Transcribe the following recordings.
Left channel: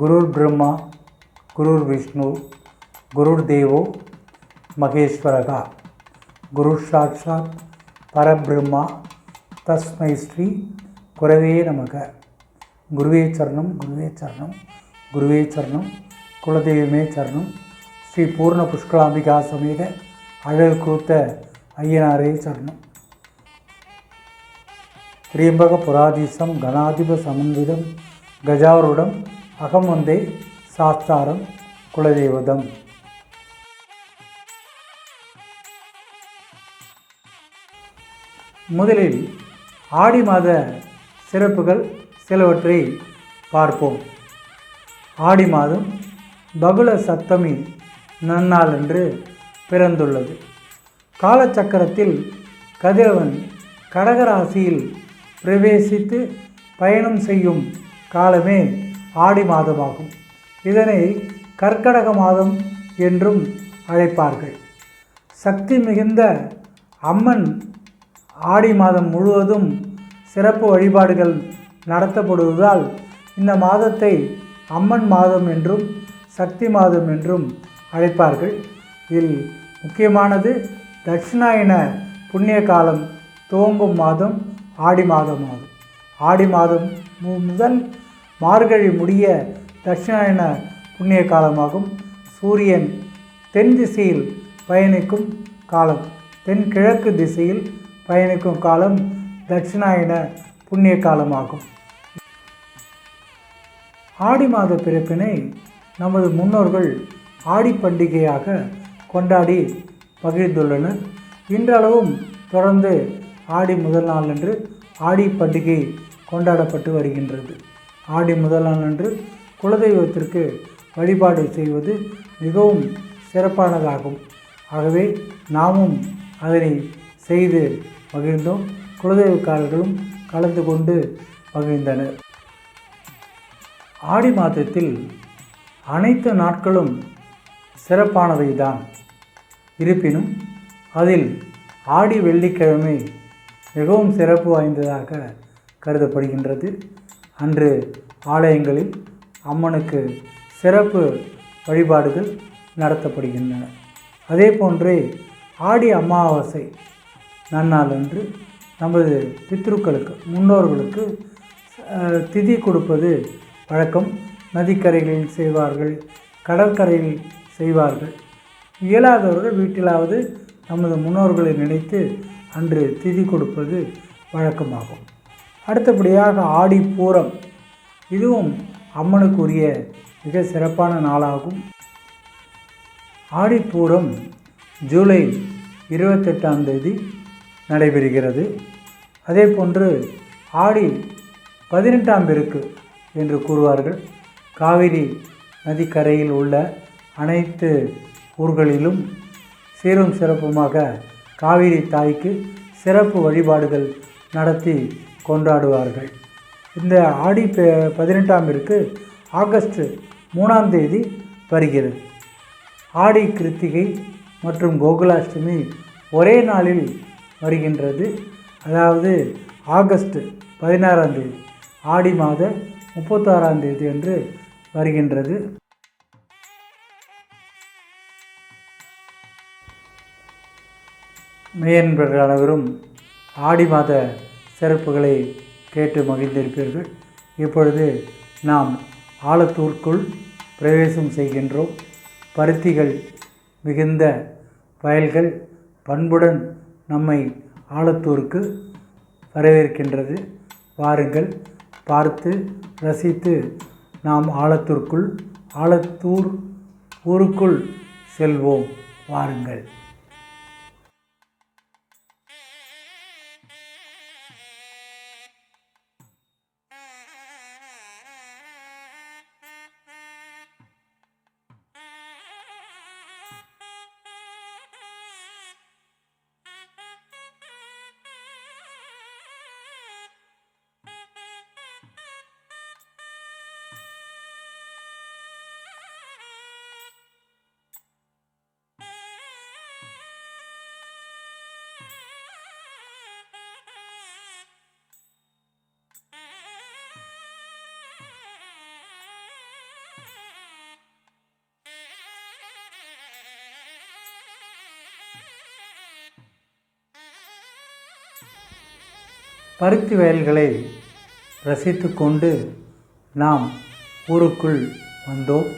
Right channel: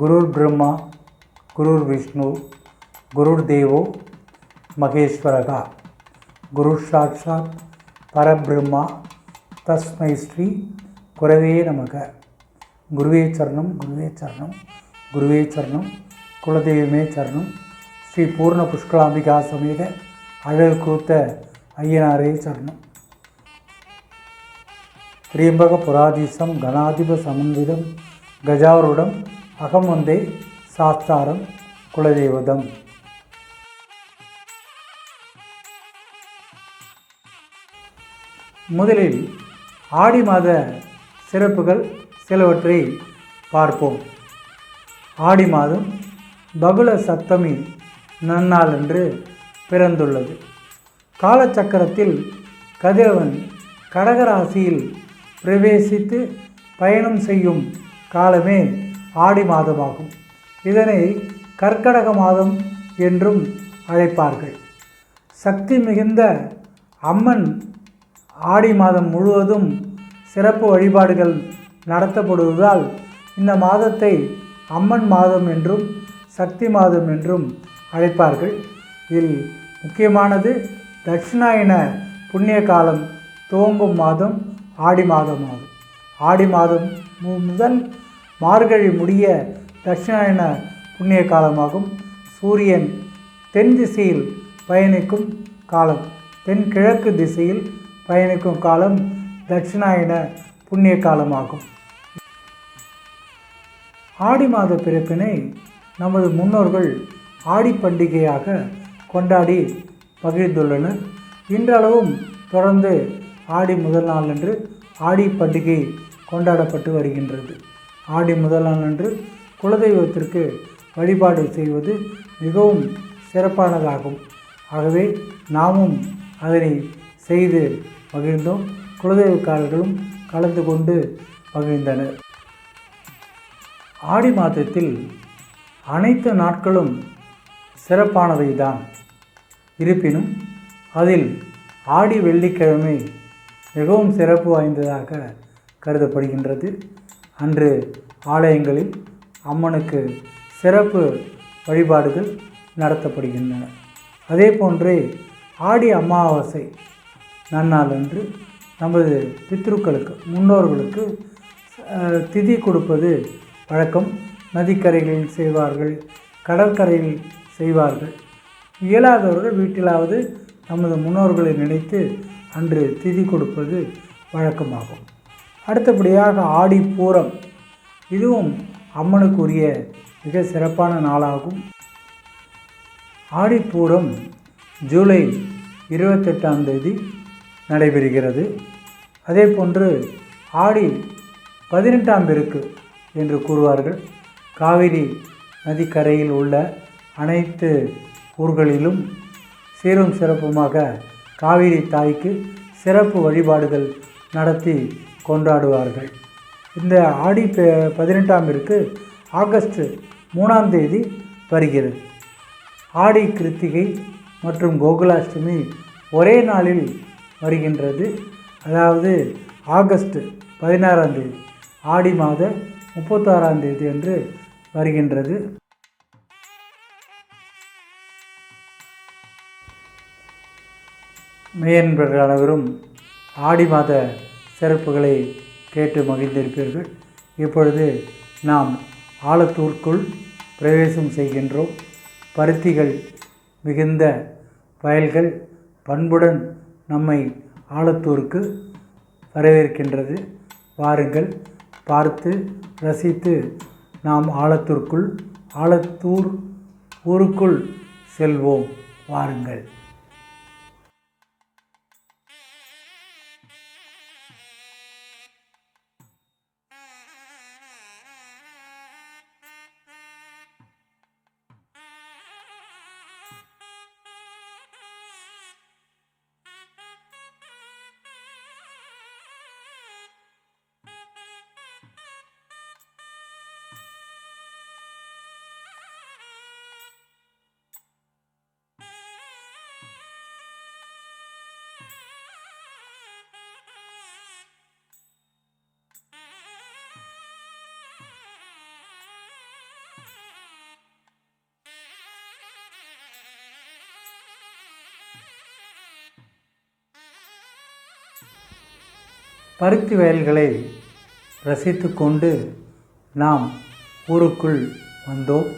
குருர் பிரம்மா குருர் விஷ்ணு குருர் தேவோ மகேஸ்வரகா குரு சாட்சாத் பரபிரம்மா தஸ்மை ஸ்ரீ குரவே நமக குருவே சரணம் குருவே சரணம் குருவே சரணம் குலதெய்வமே சரணம் ஸ்ரீ பூர்ண புஷ்கலாம்பிகா சமேத அழகு கூத்த ஐயனாரே சரணம். திரியம்பக புராதீசம் கணாதிப சமன்விதம் கஜாவருடம் அகம் வந்தே சாஸ்தாரம் குலதெய்வதம். முதலில் ஆடி மாத சிறப்புகள் சிலவற்றை பார்ப்போம். ஆடி மாதம் பகுல சப்தமி நன்னாள் என்று பிறந்துள்ளது. காலச்சக்கரத்தில் கதிரவன் கடகராசியில் பிரவேசித்து பயணம் செய்யும் காலமே ஆடி மாதமாகும். இதனை கர்க்கடக மாதம் என்றும் அழைப்பார்கள். சக்தி மிகுந்த அம்மன் ஆடி மாதம் முழுவதும் சிறப்பு வழிபாடுகள் நடத்தப்படுவதால் இந்த மாதத்தை அம்மன் மாதம் என்றும் சக்தி மாதம் என்றும் அழைப்பார்கள். இதில் முக்கியமானது தட்சிணாயன புண்ணிய காலம் துவங்கும் மாதம் ஆடி மாதம் ஆகும் ஆடி மாதம் முதல் மார்கழி முடிய தட்சிணாயன புண்ணிய காலமாகும் சூரியன் தென் திசையில் பயணிக்கும் காலம் தென்கிழக்கு திசையில் பயணிக்கும் காலம் தட்சிணாயன புண்ணிய காலமாகும் ஆடி மாத பிறப்பினை நமது முன்னோர்கள் ஆடி பண்டிகையாக கொண்டாடி பகிர்ந்துள்ளனர். இன்றளவும் தொடர்ந்து ஆடி முதல் நாள் அன்று ஆடி பண்டிகை கொண்டாடப்பட்டு வருகின்றது. ஆடி முதல் அன்று குலதெய்வத்திற்கு வழிபாடு செய்வது மிகவும் சிறப்பானதாகும். ஆகவே நாமும் அதனை செய்து மகிழ்ந்தோம். குலதெய்வக்காரர்களும் கலந்து கொண்டு மகிழ்ந்தனர். ஆடி மாதத்தில் அனைத்து நாட்களும் சிறப்பானவை தான் இருப்பினும் அதில் ஆடி வெள்ளிக்கிழமை மிகவும் சிறப்பு வாய்ந்ததாக கருதப்படுகின்றது. அன்று ஆலயங்களில் அம்மனுக்கு சிறப்பு வழிபாடுகள் நடத்தப்படுகின்றன. அதே போன்றே ஆடி அமாவாசை நன்னாள் அன்று நமது பித்ருக்களுக்கு முன்னோர்களுக்கு திதி கொடுப்பது வழக்கம். நதிக்கரைகளில் செய்வார்கள் கடற்கரையில் செய்வார்கள். இயலாதவர்கள் வீட்டிலாவது நமது முன்னோர்களை நினைத்து அன்று திதி கொடுப்பது வழக்கமாகும். அடுத்தபடியாக ஆடி பூரம். இதுவும் அம்மனுக்குரிய மிக சிறப்பான நாளாகும். ஆடிப்பூரம் ஜூலை இருபத்தெட்டாம் தேதி நடைபெறுகிறது. அதே போன்று ஆடி பதினெட்டாம் பெருக்கு என்று கூறுவார்கள். காவிரி நதிக்கரையில் உள்ள அனைத்து ஊர்களிலும் சீரும் சிறப்புமாக காவிரி தாய்க்கு சிறப்பு வழிபாடுகள் நடத்தி கொண்டாடுவார்கள். இந்த ஆடி பதினெட்டாமிற்கு பதினெட்டாம் ஆகஸ்ட் மூணாம் தேதி வருகிறது. ஆடி கிருத்திகை மற்றும் கோகுலாஷ்டமி ஒரே நாளில் வருகின்றது. அதாவது ஆகஸ்ட் பதினாறாம் தேதி ஆடி மாத முப்பத்தாறாம் தேதி என்று வருகின்றது. மெய்யன்பர்கள் அனைவரும் ஆடி மாத சிறப்புகளை கேட்டு மகிழ்ந்திருப்பீர்கள். இப்பொழுது நாம் ஆலத்தூருக்குள் பிரவேசம் செய்கின்றோம். பருத்திகள் மிகுந்த வயல்கள் பண்புடன் நம்மை ஆலத்தூருக்கு வரவேற்கின்றது. வாருங்கள் பார்த்து ரசித்து நாம் ஆழத்தூருக்குள் ஆலத்தூர் ஊருக்குள் செல்வோம். வாருங்கள். பருத்தி வயல்களை ரசித்து கொண்டு நாம் ஊருக்குள் வந்தோம்.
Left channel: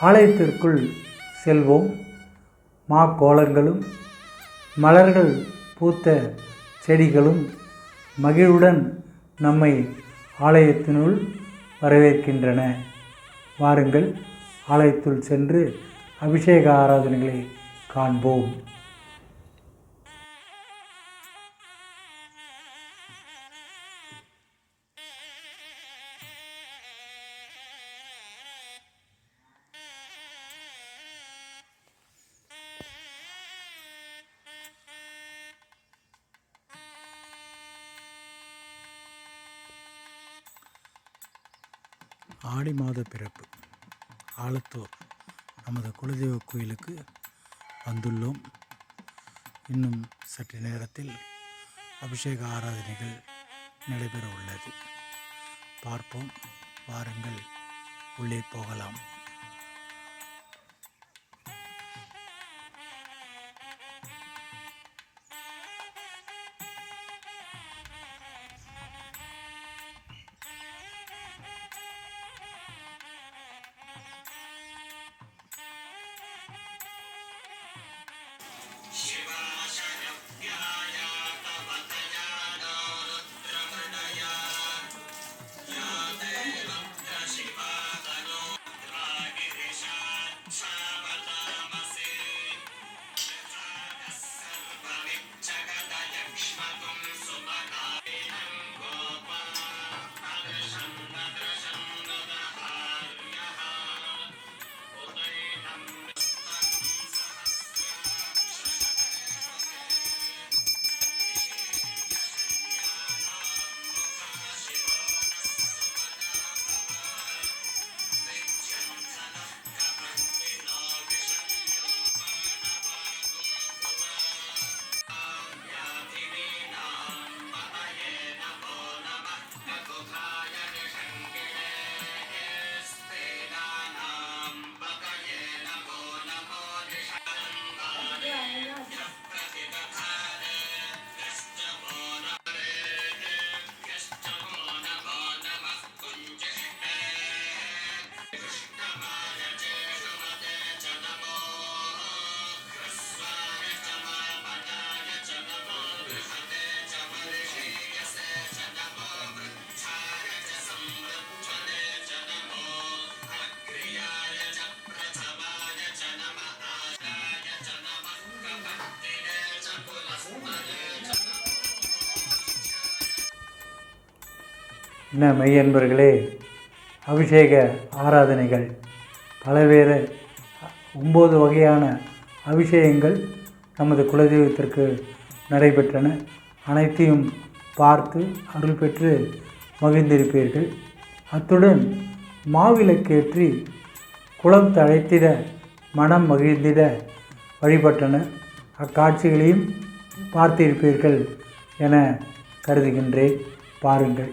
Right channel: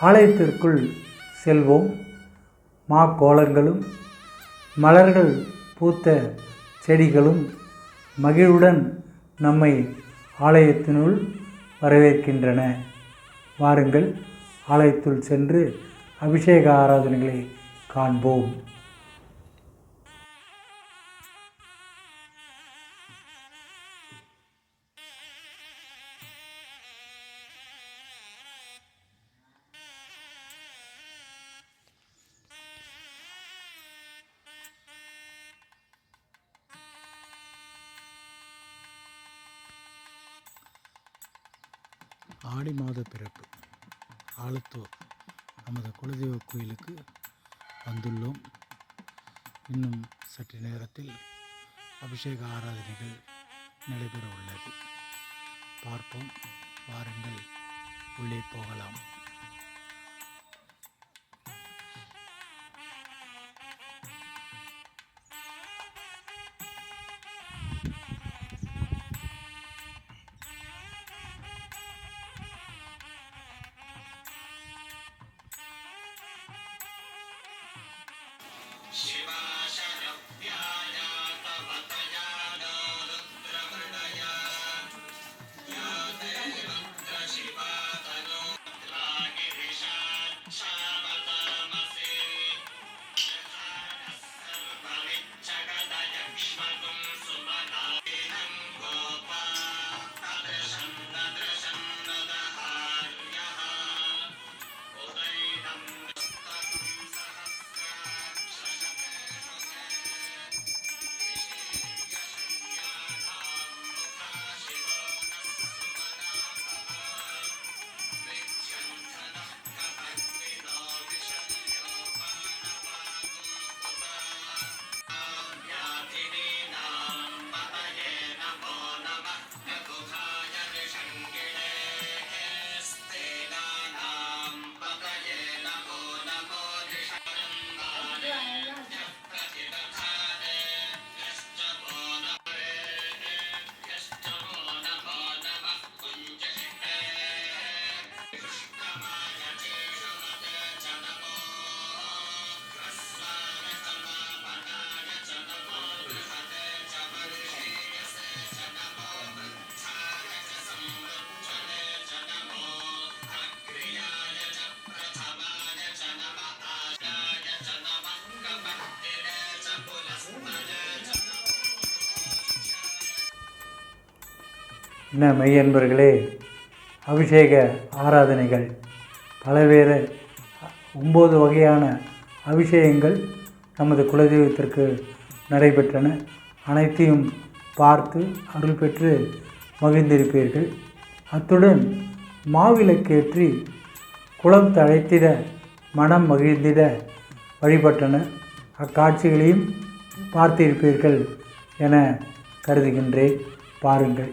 ஆலயத்திற்குள் செல்வோம். மா கோலங்களும் மலர்கள் பூத்த செடிகளும் மகிழ்வுடன் நம்மை ஆலயத்தினுள் வரவேற்கின்றன. வாருங்கள் ஆலயத்துள் சென்று அபிஷேக ஆராதனைகளை காண்போம். ஆடி மாத பிறப்பு. ஆலத்தூர் நமது குலதெய்வ கோயிலுக்கு வந்துள்ளோம். இன்னும் சற்று நேரத்தில் அபிஷேக ஆராதனைகள் நடைபெற உள்ளது பார்ப்போம் வாருங்கள் உள்ளே போகலாம். என்ன மெய்யன்பர்களே அபிஷேக ஆராதனைகள் பலவேறு ஒம்பது வகையான அபிஷேகங்கள் நமது குலதெய்வத்திற்கு நடைபெற்றன. அனைத்தையும் பார்த்து அருள் பெற்று மகிழ்ந்திருப்பீர்கள். அத்துடன் மாவிளக்கேற்றி குளம் தழைத்திட மனம் மகிழ்ந்திட வழிபட்டனர் அக்காட்சிகளையும் பார்த்திருப்பீர்கள் என கருதுகின்றேன். பாருங்கள்.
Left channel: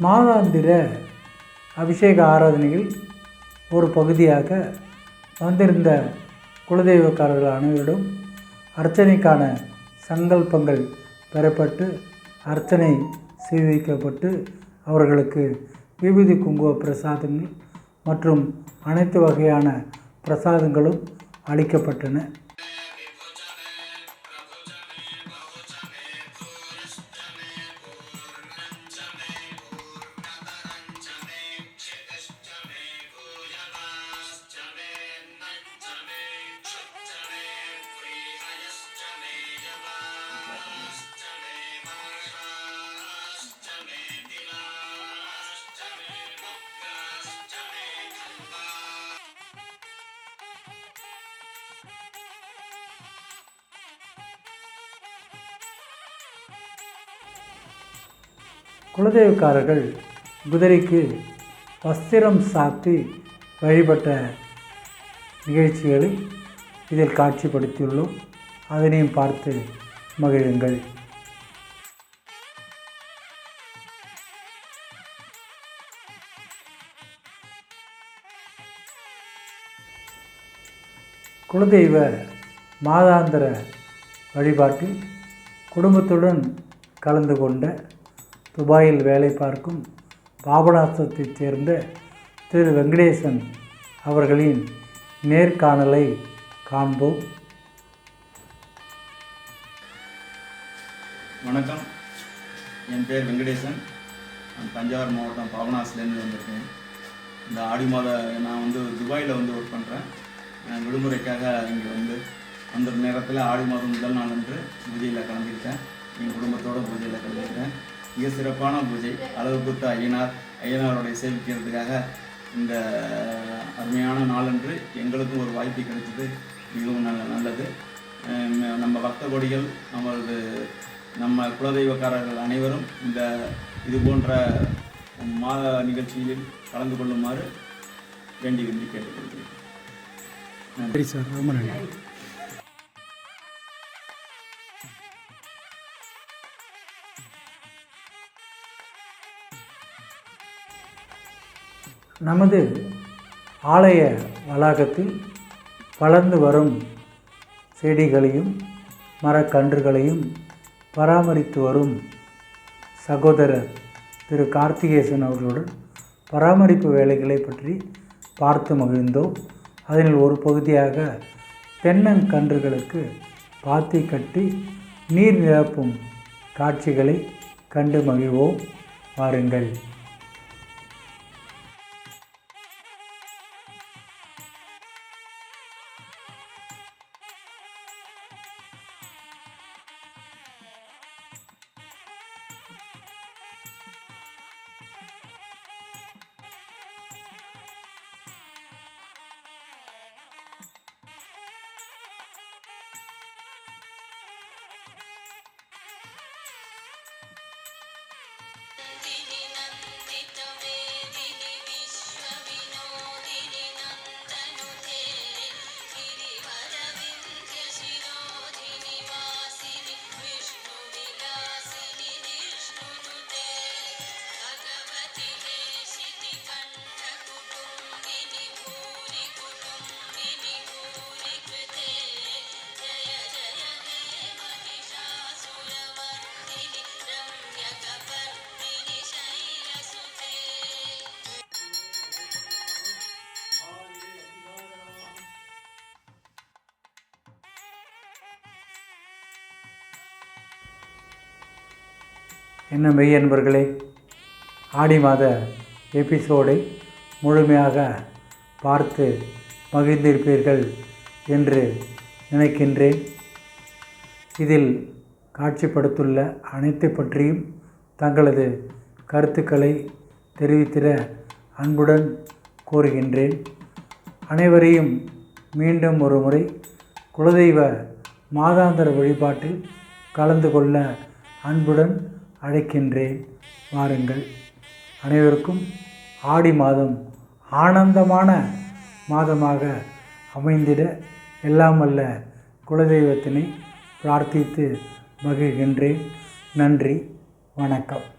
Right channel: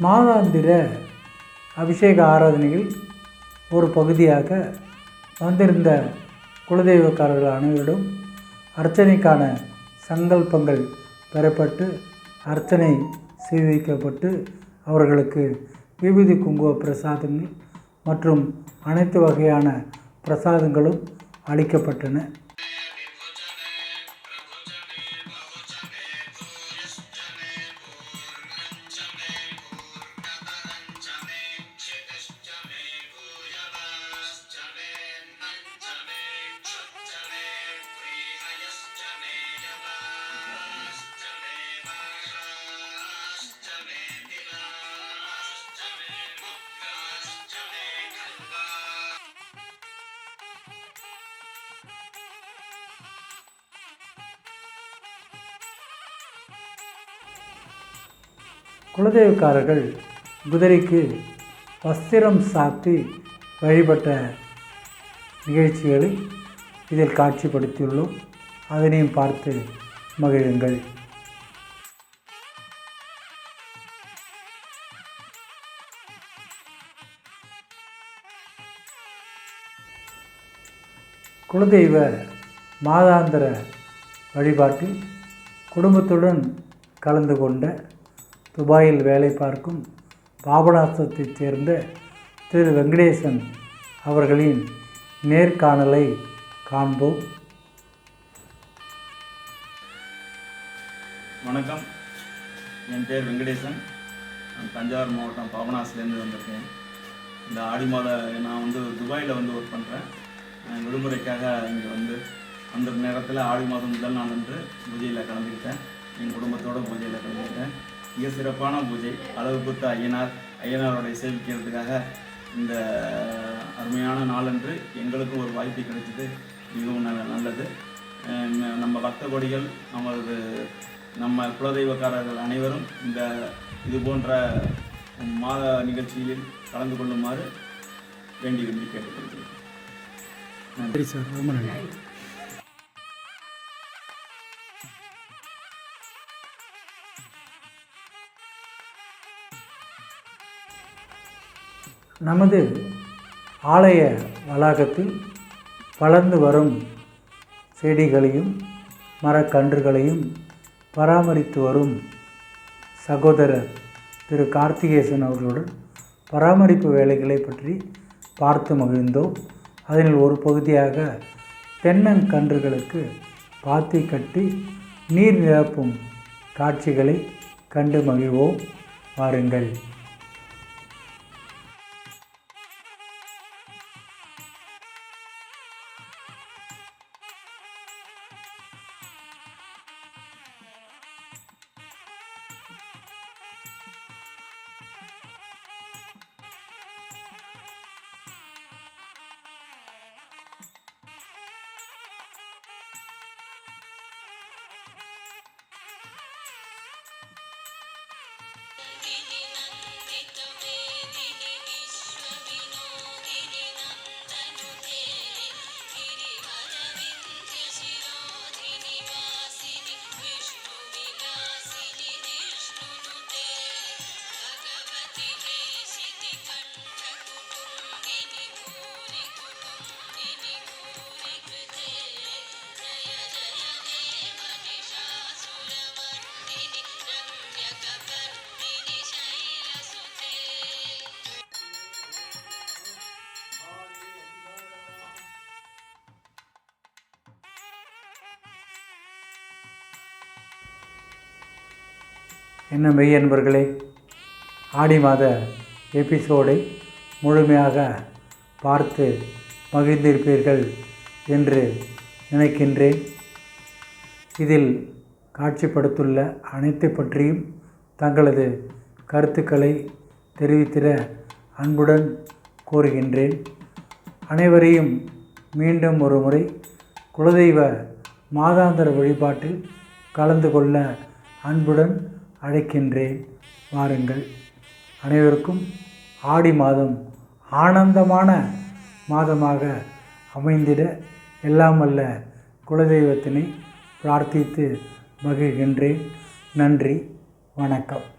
மாதாந்திர அபிஷேக ஆராதனையில் ஒரு பகுதியாக வந்திருந்த குலதெய்வக்காரர்கள் அனைவரிடம் அர்ச்சனைக்கான சங்கல்பங்கள் பெறப்பட்டு அர்ச்சனை செய்விக்கப்பட்டு அவர்களுக்கு விபூதி குங்கும பிரசாதங்கள் மற்றும் அனைத்து வகையான பிரசாதங்களும் அளிக்கப்பட்டன. குலதெய்வக்காரர்கள் குதிரைக்கு வஸ்திரம் சாத்தி வழிபட்ட நிகழ்ச்சிகளை இதில் காட்சிப்படுத்தியுள்ளோம். அதனையும் பார்த்து மகிழுங்கள். குலதெய்வ மாதாந்திர வழிபாட்டில் குடும்பத்துடன் கலந்து கொண்ட துபாயில் வேலை பார்க்கும் பாபநாசத்தைச் சேர்ந்த திரு வெங்கடேசன் அவர்களின் நேர்காணலை காண்போம். வணக்கம். என் பேர் வெங்கடேசன். நான் தஞ்சாவூர் மாவட்டம் பாபநாசிலேருந்து வந்திருக்கேன். இந்த ஆடி மாத நான் வந்து துபாயில் வந்து ஒர்க் பண்ணுறேன் விடுமுறைக்காக இங்கே வந்து அந்த நேரத்தில் ஆடி மாதம் முதல் நாள் என்று பூஜையில் கலந்துக்கிட்டேன். என் குடும்பத்தோட பூஜையில் கலந்துக்கிட்டேன். மிக சிறப்பான பூஜை. அளவு குத்த ஐயனார் ஐயனாருடைய சேவிக்கிறதுக்காக இந்த அருமையான நாளன்று எங்களுக்கும் ஒரு வாய்ப்பு கிடைச்சது. மிகவும் நல்ல நல்லது. நம்ம பக்த கொடிகள் நமது நம்ம குலதெய்வக்காரர்கள் அனைவரும் இந்த இது போன்ற மாத நிகழ்ச்சியில் கலந்து கொள்ளுமாறு வேண்டி விரும்பி கேட்டுக்கொள்கிறேன் நன்றி சார். ரொம்ப நன்றி. நமது ஆலய வளாகத்தில் வளர்ந்து வரும் செடிகளையும் மரக்கன்றுகளையும் பராமரித்து வரும் சகோதரர் திரு கார்த்திகேசன் அவர்களுடன் பராமரிப்பு வேலைகளை பற்றி பார்த்து மகிழ்ந்தோம். அதனில் ஒரு பகுதியாக தென்னங்கன்றுகளுக்கு பாத்தி கட்டி நீர் நிரப்பும் காட்சிகளை கண்டு மகிழ்வோம். வாருங்கள். என்ன மெய் அன்பர்களே ஆடி மாத எபிசோடை முழுமையாக பார்த்து மகிழ்ந்திருப்பீர்கள் என்று நினைக்கின்றேன். இதில் காட்சிப்படுத்துள்ள அனைத்து பற்றியும் தங்களது கருத்துக்களை தெரிவித்திட அன்புடன் கோருகின்றேன் அனைவரையும் மீண்டும் ஒரு முறை குலதெய்வ மாதாந்திர வழிபாட்டில் கலந்து கொள்ள அன்புடன் அழைக்கின்றேன். வாருங்கள். அனைவருக்கும் ஆடி மாதம் ஆனந்தமான மாதமாக அமைந்திட எல்லாம் அல்ல குலதெய்வத்தினை பிரார்த்தித்து மகிழ்கின்றேன். நன்றி. வணக்கம்.